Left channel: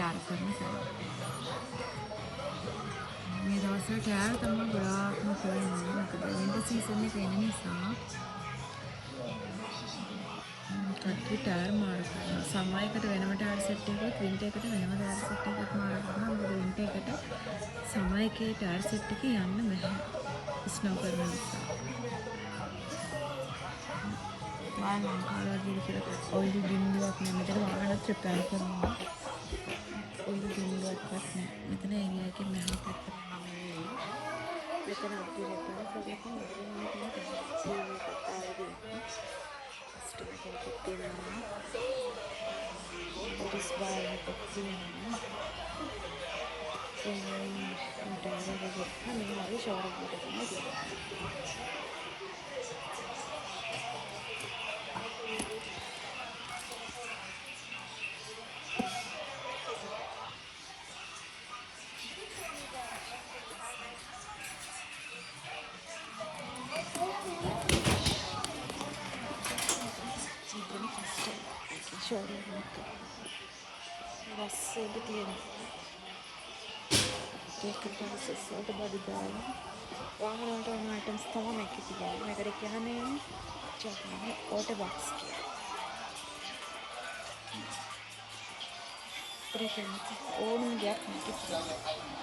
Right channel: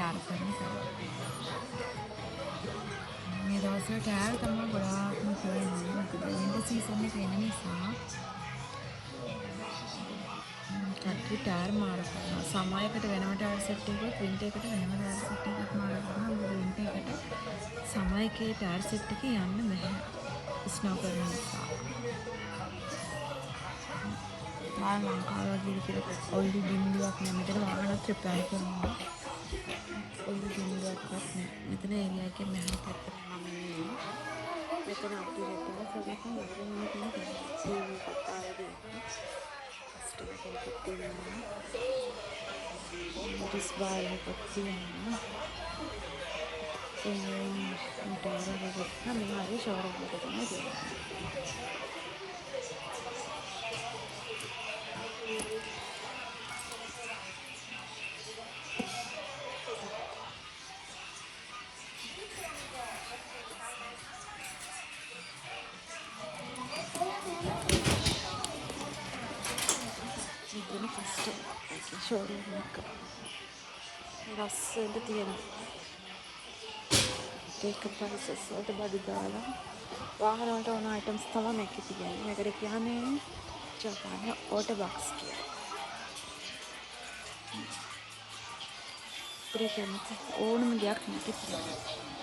ටෑර් කරන නිසා. මේ දවස්වල ටෑර් තමයි ගොඩාක්ම කරන්නේ. මොකද වින්ටර් සීසන් එක එන නිසා කට්ටිය ටෑර් මාරු කරනවා. සමර් එකට වෙනම ටෑර් සෙට් එකක්, වින්ටර් එකට වෙනම ටෑර් සෙට් එකක් මාරු කරනවා. මොකද වින්ටර් එකට සමර් එකේ ටෑර් සෙට් එකේ යන්න බැහැ. ස්නෝ කරන නිසා. ඔය බින්දුවක් නෙමෙයි මෙතන ත්‍රිප්ලයි කරනවා. ඔය බින්දුවක්වත් නෑ. මෙතන ඒරියා එකේ නැහැ පැත්තට නෙමෙයි. මෙතන අපි රෙකෝඩ් ෂෝරූම් එක රස්සෙට තියෙන ඒක ප්‍රයිසස් වලට බඩු දාලා වාහන වලට ඕන අයිටම්ස් තමයි මේකේ තියෙන්නේ. මේකට කියන්නේ ජපාන වෝටර් බොක්ස් කියලා. ප්‍රේතමත් ඕනම දෙයක් මේකේ තියෙනවා.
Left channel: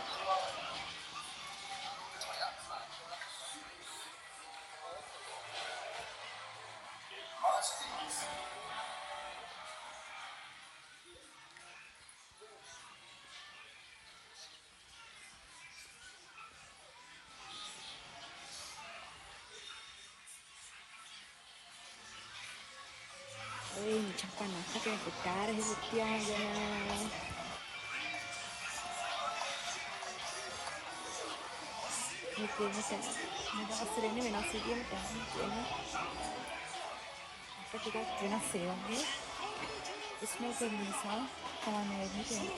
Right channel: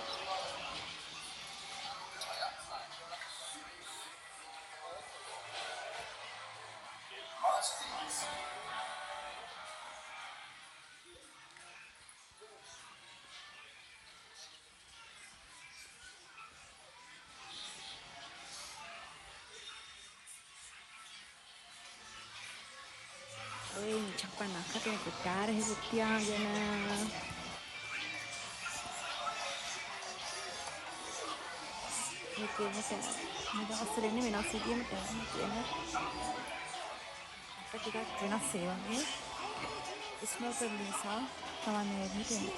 Jepang aku kayak gitar hidupnya gimana itu bisa mudah hasilnya menasihkan kan apa kita menasihkan Ismail bisa kawan ini